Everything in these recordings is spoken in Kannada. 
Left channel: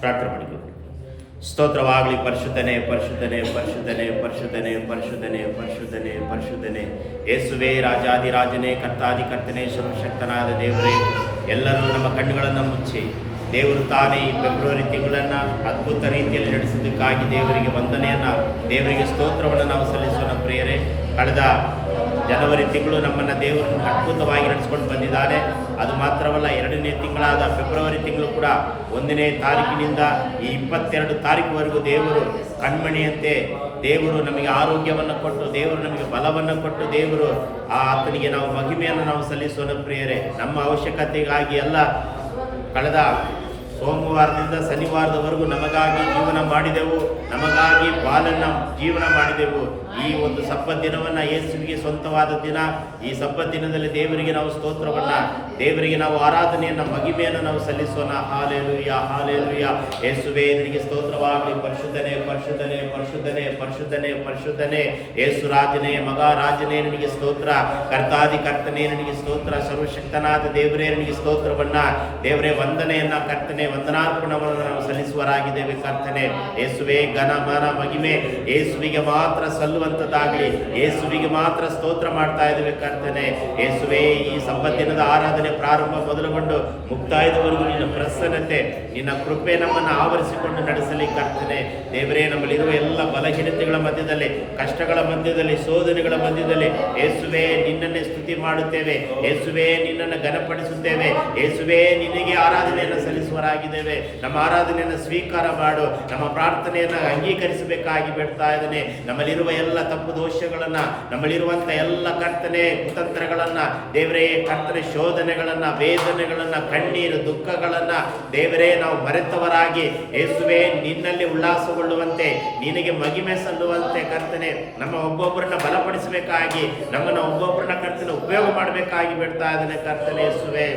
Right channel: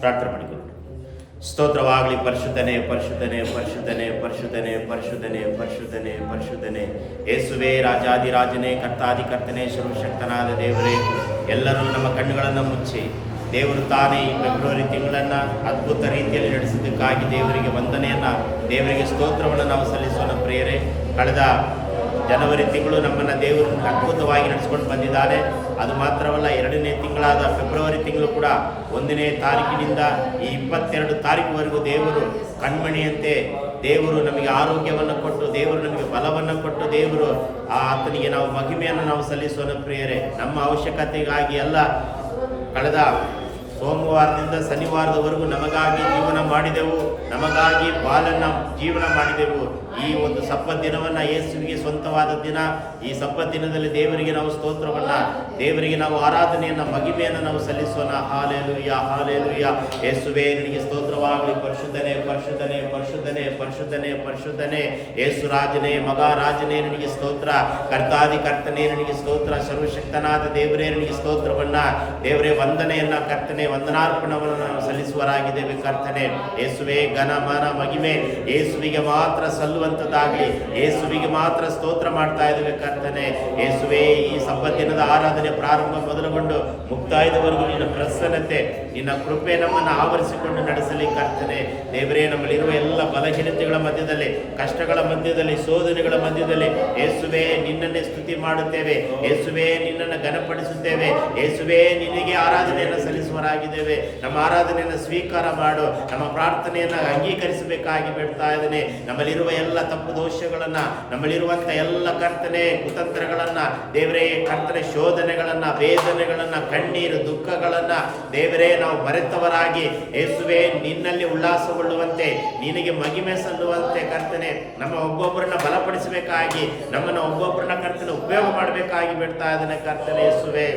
ಪ್ರಾರ್ಥನೆ ಮಾಡಿಕೊಳ್ಳಿ. ಸ್ತೋತ್ರವಾಗಲಿ. ಪರಿಶುದ್ಧನೇ ಪರಿಶುದ್ಧನೇ ಪರಿಶುದ್ಧನೇ ಪರಿಶುದ್ಧನೇ ಪರಿಶುದ್ಧನೇ ಪರಿಶುದ್ಧನೇ ಪರಿಶುದ್ಧನೇ ಯೇಸುವೇ, ರಾಜಾದಿರಾಜನೇ, ಕರ್ತಾದಿಕರ್ತನೇ, ಸರ್ವಶಕ್ತನಾದ ದೇವರೇ, ಎಲ್ಲರೂ ನಮ್ಮ ಕಣ್ಣುಗಳನ್ನು ಮುಚ್ಚಿ ದೇವರು ತಾನೇ ಈ ಫೆಬ್ರವರಿ ತಿಂಗಳನ್ನು ಅದ್ಭುತ ರೀತಿಯಲ್ಲಿ ನಡೆಸಿದ್ದಕ್ಕಾಗಿ ದೇವರಿಗೆ ವಂದನೆಯನ್ನು, ದೇವರಿಗೆ ಸ್ತೋತ್ರವನ್ನು ನಾವು ಸಲ್ಲಿಸೋಣ ಪ್ರಿಯರೇ. ಕಳೆದ ಜನವರಿ ತಿಂಗಳು ನಮ್ಮನ್ನು ದೇವರು ಅದ್ಭುತವಾಗಿ ನಡೆಸ್ಕೊಂಡು ಬಂದಿದ್ದಾನೆ. ಅದು ಮಾತ್ರವಲ್ಲ, 2ನೇ ತಿಂಗಳಾದ ಫೆಬ್ರವರಿ ತಿಂಗಳು ಕೂಡ 1ನೇ ತಾರೀಕಿನಿಂದ ಈ 22 ತಾರೀಕುವರೆಗೂ ದೇವರು ಕಣ್ಮಣಿಯಂತೆ ದೇವರು ನಮಗೆ ಆರೋಗ್ಯವನ್ನು ಕೊಟ್ಟು, ದೇವರು ನಮಗೆ ಬಲವನ್ನು ಕೊಟ್ಟು, ದೇವರು ಆತನಿಗೆ ನಾವು ಮಹಿಮೆಯನ್ನು ನಾವು ಸಲ್ಲಿಸೋಣ ಪ್ರಿಯರೇ. ನಮ್ಮ ಅವಶ್ಯಕತೆಗಾಗಿ ಎಲ್ಲ ಕಳೆದ ಸೋಮವಾರದಿಂದ ಶನಿವಾರದವರೆಗೂ ನಮಗಾಗಿ ಜೀವನ ಮಾಡಿದೆವು, ನಮಗಾಗಿ ಬಾಲನ್ನು ಜೀವನ ಮಾಡಿದೆವು. ಈ ಒಂದು ಸಬ್ಬತ್ ದಿನವನ್ನು ಯೇಸುವಿಗೆ ಸ್ವಂತವಾದ ದಿನ. ಈ ಸಬ್ಬತ್ ದಿನದಲ್ಲಿ ದೇವರಿಗೆ ನಾವು ಸ್ತೋತ್ರವನ್ನು, ದೇವರಿಗೆ ನಾವು ಆರಾಧನೆಯನ್ನು, ಮಹಿಮೆಯನ್ನು ನಾವು ಸಲ್ಲಿಸೋಣ. Hallelujah hallelujah. ಯೇಸುವೇ ನಿನಗೆ ಸ್ತೋತ್ರವಾಗಲಿ. ಪರಿಶುದ್ಧನೇ ಪರಿಶುದ್ಧನೇ ಪರಿಶುದ್ಧನೇ ಪರಿಶುದ್ಧನೇ ಪರಿಶುದ್ಧನೇ ಯೇಸು ರಾಜನೇ, ಮಗ ರಾಜನೇ ನಿನಗೆ ಸ್ತೋತ್ರ. ಕರ್ತಾದಿ ಕರ್ತನೇ ನಿನಗೆ ಸ್ತೋತ್ರ. ಸರ್ವಶಕ್ತನಾದ ದೇವರೇ ನಿನಗೆ ಸ್ತೋತ್ರವನ್ನು, ದೇವರೇ ವಂದನೆಯನ್ನು, ಕರ್ತನೆ ವಂದನಾರ್ಪಣವನ್ನು ನಾವು ಸಲ್ಲಿಸುವರಾಗಿದ್ದೇವೆ ಕರ್ತನೆ. ಯೇಸುವೇ ಘನ ಮನ ಮಹಿಮೆ ಯೇಸುವಿಗೆ ಮಾತ್ರ ಸಲ್ಲುವಂಥದ್ದಾಗಲಿ. ಯೇಸುವಿಗೆ ಮಾತ್ರ ಸ್ತೋತ್ರ ಮಾಡ್ತಾ ಇದ್ದೇವೆ ಕರ್ತನೆ. ಯೇಸುವೇ, ಈ ಸಬ್ಬತ್ ದಿನದ ಆರಾಧನೆ ಪ್ರಾರಂಭ ಮೊದಲುಗೊಂಡು ಮುಕ್ತಾಯದವರೆಗೂ ನಿನ್ನ ಪ್ರಸನ್ನತೆ, ನಿನ್ನ ಕೃಪೆ ನಮ್ಮನ್ನು ಆವರಿಸಿಕೊಂಡು ನಡೆಸಲಿ ಕರ್ತನೆ. ದೇವರೇ, ನಮ್ಮಲ್ಲಿರುವ ಎಲ್ಲ ಬಲಹೀನತೆಗಳ ಮಧ್ಯದಲ್ಲಿ, ಕಷ್ಟಗಳ ಮಧ್ಯದಲ್ಲಿ, ಶೋಧನೆಗಳ ಮಧ್ಯದಲ್ಲಿ ಯೇಸುವೇ ನಿನ್ನನ್ನೇ ಸ್ತುತಿ ಮಾಡುತ್ತೇವೆ. ಯೇಸುವೇ ನಿನ್ನನ್ನು ಘನಪಡಿಸುತ್ತೇವೆ. ಯೇಸುವೇ ನಿನಗೆ ಆರಾಧನೆಯನ್ನು ಸಲ್ಲಿಸುವರಾಗಿದ್ದೇವೆ. ನಮ್ಮ ಆರಾಧನೆಯನ್ನು ಸ್ವೀಕಾರ ಮಾಡು. ನಮ್ಮ ಪ್ರಾರ್ಥನೆಯನ್ನು ಅಂಗೀಕರಿಸಬೇಕಾಗಿ ಬೇಡ್ತಾ ಇದ್ದೇನೆ. ನಮ್ಮಲ್ಲಿರುವ ಎಲ್ಲ ತಪ್ಪು ದೋಷಗಳನ್ನು, ನಮ್ಮಲ್ಲಿರುವಂಥ ಎಲ್ಲ ಕರ್ತನೆ ಕುತಂತ್ರಗಳನ್ನು, ದೇವರೇ ಕರ್ತನೆ ಶೋಧನೆಗಳನ್ನು, ವೇದನೆಗಳನ್ನು, ಕಣ್ಣೀರು ದುಃಖಗಳನ್ನು ದೇವರೇ ನಾವು ಮರೆತವರಾಗಿ ಯೇಸುವೇ ನಿನ್ನಲ್ಲಿ ಉಲ್ಲಾಸಗೊಳ್ಳುವಂತೆ, ನಿನಗೆ ಮಹಿಮೆ ಸಲ್ಲುವಂತೆ ಕರ್ತನೆ ನಮ್ಮ ಒಬ್ಬೊಬ್ಬರನ್ನ ಬಲಪಡಿಸಬೇಕಾಗಿ, ನಮ್ಮನ್ನು ಒಬ್ಬೊಬ್ಬರನ್ನ ಕರ್ತನೆ ಉಪಯೋಗ ಮಾಡಬೇಕಾಗಿ ಬೇಡ್ತಾ ಇದ್ದೇನೆ ಕರ್ತನೆ. ಯೇಸುವೇ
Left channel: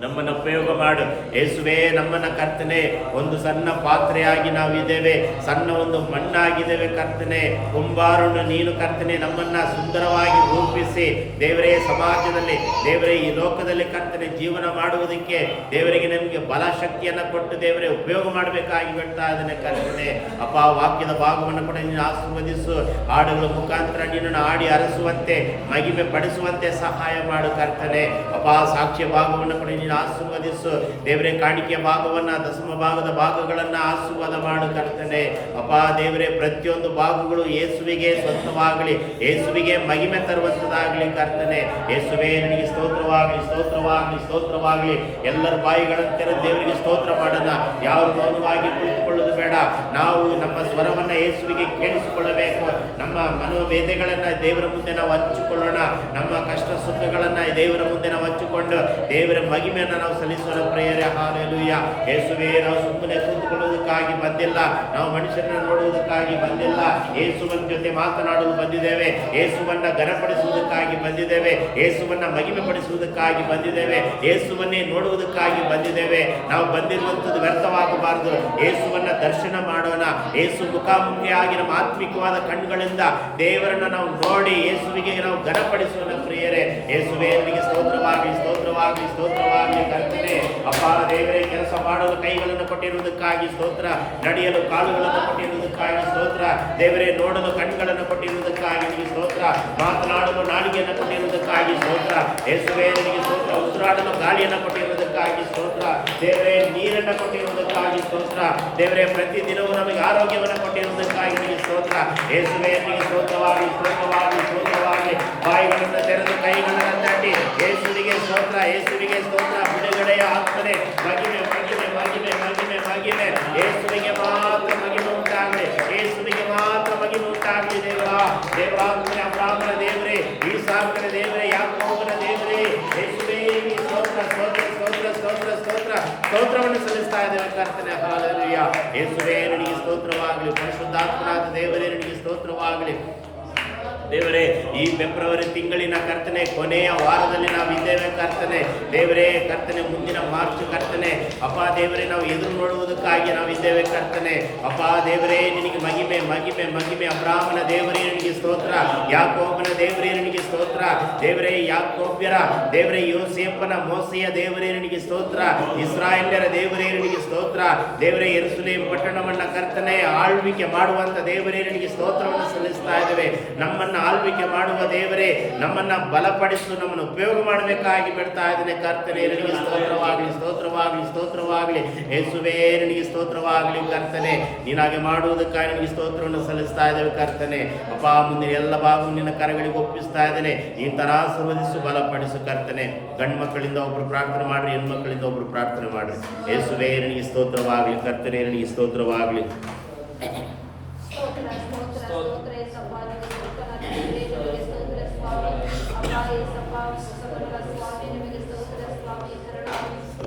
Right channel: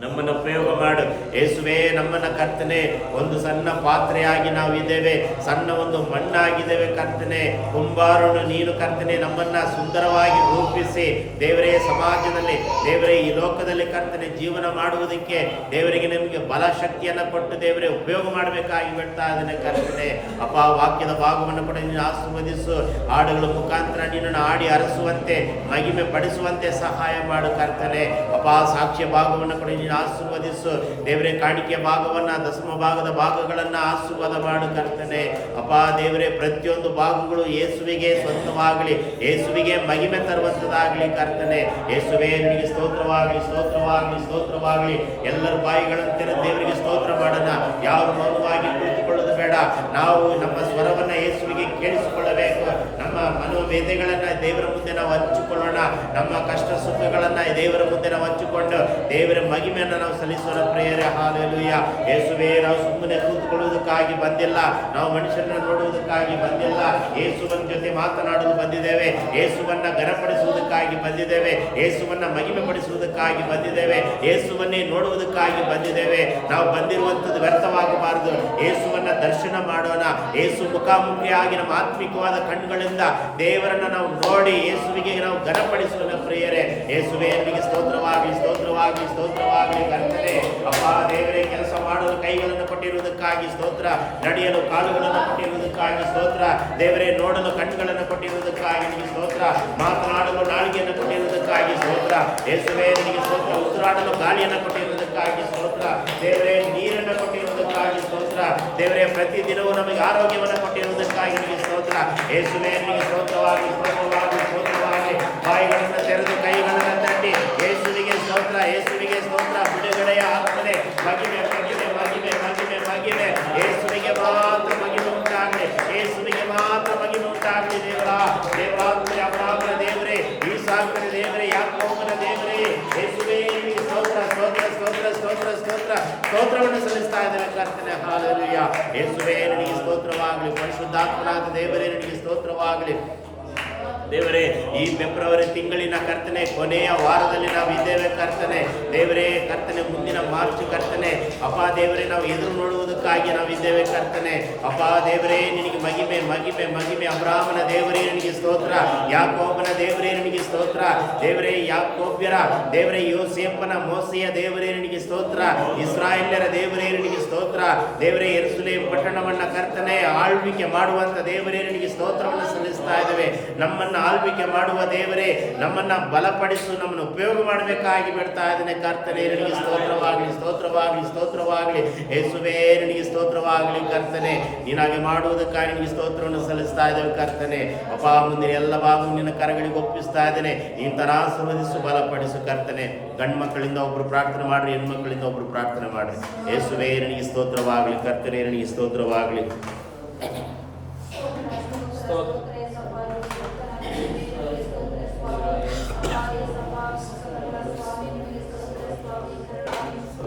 ನಮ್ಮನ್ನು ಉಪಯೋಗ ಮಾಡು. ಯೇಸುವೇ ನಮ್ಮನ್ನು ಕರ್ತನೆ ಒಂದು ಸಣ್ಣ ಪಾತ್ರೆಯಾಗಿ ನಾವು ಇದ್ದೇವೆ, ಸಣ್ಣ ಒಂದು ಮಣ್ಣಾಗಿದ್ದೇವೆ ಕರ್ತನೆ. ಕುಂಬಾರನು ನೀನು ಕರ್ತನೆ, ನಮ್ಮನ್ನು ಸುಂದರವಾಗಿ ರೂಪಿಸಿ ದೇವರೇ ಸಮಾಜದಲ್ಲಿ, ದೇವರೇ ಈ ಲೋಕದಲ್ಲಿ ಕರ್ತನೆ ಜೀವನ ಮಾಡುವುದಕ್ಕೆ ದೇವರಿಗೆ ನಮಗೆ ಬಲ ಶಕ್ತಿಯನ್ನು ಕೊಟ್ಟು ದೇವರೇ ಉಪಯೋಗ ಮಾಡಬೇಕಾಗಿ ಬಿಡ್ತಾ ಇದ್ದೇನೆ ಕರ್ತನೆ. ಅಪ್ಪ, ವಾಕ್ಯದ ಭಾಗವನ್ನು ಕೂಡ ನೀನು ಆಶೀರ್ವದಿಸು. ಹಾಡುಗಳ ಮುಖಾಂತರ ನಿನ್ನನ್ನು ಆಡಿ ಅರಸುವಂತೆ, ಮಹಿಮೆ ಪಡಿಸುವಂತೆ ಸಹಾಯ ಮಾಡು ಕರ್ತನೆ. ಅಪ್ಪ, ಸಾಕ್ಷ್ಯ ಭಾಗವನ್ನು ಕೂಡ ಆಶೀರ್ವದಿಸು ದೇವರೇ. ಕಾಣಿಕೆಯ ಭಾಗವನ್ನ, ದಶಮ ಭಾಗದ ಭಾಗಗಳನ್ನ ಆಶೀರ್ವಾದ ಮಾಡು ಕರ್ತನೆ. ಅಪ್ಪ ದೇವರೇ, ಪ್ರತಿಯೊಂದು ಭಾಗಗಳು ಯೇಸುವಿಗೆ ಸ್ವಂತವಾಗಲಿ, ಯೇಸುವಿಗೆ ಮಹಿಮೆ ತರುವಂತದಾಗಲಿ ಕರ್ತನೆ. ಯೇಸುವೇ ನಿನಗೆ ಸ್ತೋತ್ರವಾಗಲಿ, ಸ್ತೋತ್ರವಾಗಲಿ, ಸ್ತೋತ್ರವಾಗಲಿ. ಎಲ್ಲರ ಬಾಯಿಗಳನ್ನು ತೆರೆದು ದೇವರಿಗೆ ಸ್ತೋತ್ರ ಮಾಡೋಣ. ಯಾರು ಮೌನವಾಗಿ ಕುಳಿತುಕೊಳ್ಳೋದು ಬೇಡ. ನಾವು ನಮ್ಮ ಸ್ವರವನ್ನ ಯೇಸುವಿಗೆ ಕೇಳಿಸಿಕೊಳ್ಳಬೇಕು. ನಮ್ಮ ಮನೋವೇದೆಗಳನ್ನ ದೇವರ ಮುಂದೆ ನಾವು ಹಂಚಿಕೊಳ್ಳೋಣ. ನಮ್ಮ ಕಷ್ಟ ಸುಖಗಳನ್ನ ದೇವರ ಮುಂದೆ ನಾವು ಹಂಚಿಕೊಂಡು ದೇವರ ಮಹಿಮೆಯನ್ನು ನಾವು ಸಲ್ಲಿಸೋಣ ಪ್ರಿಯರೇ. ಹಾಲೆಲೂಯ. ಯೇಸುವೇ, ನಾವು ಸುಮ್ಮನೆ ಕೂತ್ಕೊಳ್ಳುವುದಕ್ಕಾಗಿ ಬಂದಿಲ್ಲ, ನಾವು ಮನುಷ್ಯರನ್ನ ನೋಡುವುದಕ್ಕಾಗಿ ಬಂದಿಲ್ಲ. ಯೇಸುವನ ಜೊತೆ ಮಾತನಾಡಲು ಬಂದಿದ್ದೇವೆ. ಯೇಸುವನ್ನ ಘನಪಡಿಸುವುದಕ್ಕಾಗಿ ಬಂದಿದ್ದೇವೆ. ಯೇಸುವನ್ನ ಮಹಿಮೆ ಪಡಿಸುವುದಕ್ಕಾಗಿ ಬಂದಿದ್ದೇವೆ. ಯೇಸುವನ್ನೇ ನೋಡುವುದಕ್ಕಾಗಿ ಬಂದಿದ್ದೇವೆ. ನಾವು ಬಂದಿರುವಂಥದ್ದು ವ್ಯರ್ಥವಾಗಬಾರದು. ಯೇಸುವನ್ನ ದರ್ಶನ ಮಾಡೋಣ. ಯೇಸು ಮುಖಾಮುಖಿಯಾಗಿ ನಮ್ಮ ಆತ್ಮಿಕವಾದ ಕಣ್ಣುಗಳಿಂದ ದೇವರನ್ನ ನಾವು ನೋಡಿ ಯೇಸುವಿಗೆ ನಾವು ಘನಪಡಿಸೋಣ ಪ್ರಿಯರೇ. ಯೇಸುವೇ ನಿನಗೆ ಸ್ತೋತ್ರವಾಗಲಿ, ಸ್ತೋತ್ರವಾಗಲಿ, ಸ್ತೋತ್ರವಾಗಲಿ ಕರ್ತನೆ. ಅಪ್ಪ ದೇವರೇ, ಕೆಲಸ ಮಾಡಲು ಕೈಗಳನ್ನು ಕೊಟ್ಟಿರುವುದಕ್ಕಾಗಿ ಸ್ತೋತ್ರ. ನಡೆಯಲು ಕಾಲುಗಳನ್ನು ಕೊಟ್ಟಿರುವುದಕ್ಕಾಗಿ ಸ್ತೋತ್ರ. ದೇವರೇ, ನೋಡಲು ಕಣ್ಣುಗಳನ್ನು ಕೊಟ್ಟಿರುವುದಕ್ಕಾಗಿ ನಿನಗೆ ಸ್ತೋತ್ರ. ಮಾತನಾಡಲು ನಾಲಿಗೆಯನ್ನು ಕೊಟ್ಟಿರುವುದಕ್ಕಾಗಿ ಸ್ತೋತ್ರ. ಯೇಸುವೇ ನಿನಗೆ ಸ್ತೋತ್ರ. ಉಸಿರಾಡಲು ಗಾಳಿಯನ್ನು ಕೊಟ್ಟಿರುವುದಕ್ಕಾಗಿ ಸ್ತೋತ್ರ. ದೇವರೇ, ನೀರನ್ನು ಕೊಟ್ಟಿರುವುದಕ್ಕಾಗಿ ಸ್ತೋತ್ರ. ದೇವರೇ, ಪ್ರತಿದಿನವೂ ನಮಗೆ ಆರೋಗ್ಯವನ್ನು ಕೊಟ್ಟಿರುವುದಕ್ಕಾಗಿ ನಿನಗೆ ಸ್ತೋತ್ರ. ಯೇಸುವೇ ನಿನಗೆ ಸ್ತೋತ್ರವಾಗಲಿ, ಸ್ತೋತ್ರವಾಗಲಿ, ಸ್ತೋತ್ರವಾಗಲಿ. ಬಾಯಿಗಳನ್ನು ತೆರೆದು ಕೈಗಳನ್ನು ತಟ್ಟಿ ಯೇಸುವಿಗೆ ಸ್ತೋತ್ರ, ಯೇಸುವಿಗೆ ಸ್ತೋತ್ರ. ಬಿಡುಗಡೆಯ ಆಗ್ತದೆ. ಮಹಿಮೆ ಮಹಿಮೆ ಮಹಿಮೆ ಮಹಿಮೆ ಮಹಿಮೆ ಯೇಸುವಿಗೆ ಮಾತ್ರ ಮಹಿಮೆ ಉಂಟಾಗಲಿ. ಯೇಸುವಿಗೆ ಮಾತ್ರ ಮಹಿಮೆ ಉಂಟಾಗಲಿ. ದೇವರಾತ್ಮನೆ ಅಬ್ರಾಹ್ಮನ ದೇವರೇ, ಈಸಾಕನ ದೇವರೇ, ಯಾಕೋಬನ ದೇವರೇ, ಯೇಸುವೇ ಸ್ತೋತ್ರ ಸ್ತೋತ್ರ ಸ್ತೋತ್ರ ಸ್ತೋತ್ರ ಸ್ತೋತ್ರ ಸ್ತೋತ್ರವನ್ನು ಸಲ್ಲಿಸ್ತಾ ಇದ್ದೇವೆ ಕರ್ತನೆ. ಹಾಲೆಲೂಯ. ಯೇಸುವೇ ನಿನಗೆ ಸ್ತೋತ್ರವಾಗಲಿ. ಪರಿಶುದ್ಧಾತ್ಮನಾದ ದೇವರೇ ನಿನಗೆ ಸ್ತೋತ್ರವಾಗಲಿ. ದೇವರೇ, ಈ ಫೆಬ್ರವರಿ ತಿಂಗಳಿನ ಕರ್ತನೆ ಕೊನೆಯ ವಾರದಲ್ಲಿ ನಾವು ಇದ್ದೇವೆ ಕರ್ತನೆ. ದೇವರೇ ಕರ್ತನೆ, ಮುಂದಿನ ಮಾರ್ಚ್ ಕರ್ತನೆ ಅಪ್ಪ ದೇವರೇ ನಾವು ಎದುರು ನೋಡುವುದಕ್ಕಾಗಿ ನಾವು ಇದ್ದೇವೆ ಕರ್ತನೆ. ಅಪ್ಪ ದೇವರೇ ನಿನಗೆ ಮಹಿಮೆ ಮಹಿಮೆ ಮಹಿಮೆ. ಅಬ್ರಾಹ್ಮನ ದೇವರೇ ನಿನಗೆ ಸ್ತೋತ್ರ, ಯಾಕೋಬನ ದೇವರೇ ನಿನಗೆ ಸ್ತೋತ್ರ. ದೇವರೇ ಯಾಕೋಬ್ಯರ ದೇವರೇ, ಯೋಸೇಫನ ಮೋಸೆಯ ದೇವರೇ ನಿನಗೆ ಸ್ತೋತ್ರ. ಇಸ್ರಾಯೇಲ್ಯರ ದೇವರೇ ನಿನಗೆ ಸ್ತೋತ್ರ. ದೇವರೇ ಯೆರೂಸಲೇಮ್ ಪಟ್ಟಣವನ್ನ ಕರ್ತನೆ ಆಳ್ವಿಕೆ ಮಾಡುವಂತ ದೇವರೇ ನಿನಗೆ ಸ್ತೋತ್ರವನ್ನು ಸಲ್ಲಿಸ್ತಾ ಇದ್ದೇವೆ. ನಮ್ಮನ್ನ ಆಳ್ವಿಕೆ ಮಾಡುವ ದೇವರೇ, ನಮ್ಮನ್ನ ಬಲಪಡಿಸು, ನಮ್ಮನ್ನು ಉಪಯೋಗ ಮಾಡಬೇಕಾಗಿ ಬಿಡ್ತಾ ಇದ್ದೇನೆ ಕರ್ತನೆ. ನಿನಗೆ ಸ್ತೋತ್ರವಾಗಲಿ, ಸ್ತೋತ್ರವಾಗಲಿ, ಸ್ತೋತ್ರವಾಗಲಿ. ಯೇಸುವೇ ನಿನಗೆ ಸ್ತೋತ್ರವಾಗಲಿ ಕರ್ತನೆ. ನೀನಾಗೆ ಮಾಡುವುದಕ್ಕಾಗಿ ನಿನಗೆ ಸ್ತೋತ್ರವನ್ನು ಸಲ್ಲಿಸ್ತಾ ಇದ್ದೇವೆ ಕರ್ತನೆ. ಅಪ್ಪ, ಮುಂದಿನ ಎಲ್ಲ ಭಾಗವು ನಿನ್ನ ಕರಗಳಿಗೆ ಒಪ್ಪಿಸ್ತಾ ಇದ್ದೇನೆ. ನೀನು ಆಶೀರ್ವದಿಸು, ಬಲಪಡಿಸು ಕರ್ತನೆ. ಗಂಡು ಮಕ್ಕಳಿಂದ ಒಬ್ರು ಪ್ರಾರ್ಥನೆ ಮಾಡ್ರಿ, ಹೆಣ್ಣು ಮಕ್ಕಳಿಂದ ಒಬ್ರು ಪ್ರಾರ್ಥನೆ ಮಾಡ್ರಿ. ಯೇಸುವೇ ನಿನಗೆ ಸ್ತೋತ್ರವಾಗಲಿ ಕರ್ತನೆ, ನಿನಗೆ ಸ್ತೋತ್ರವಾಗಲಿ.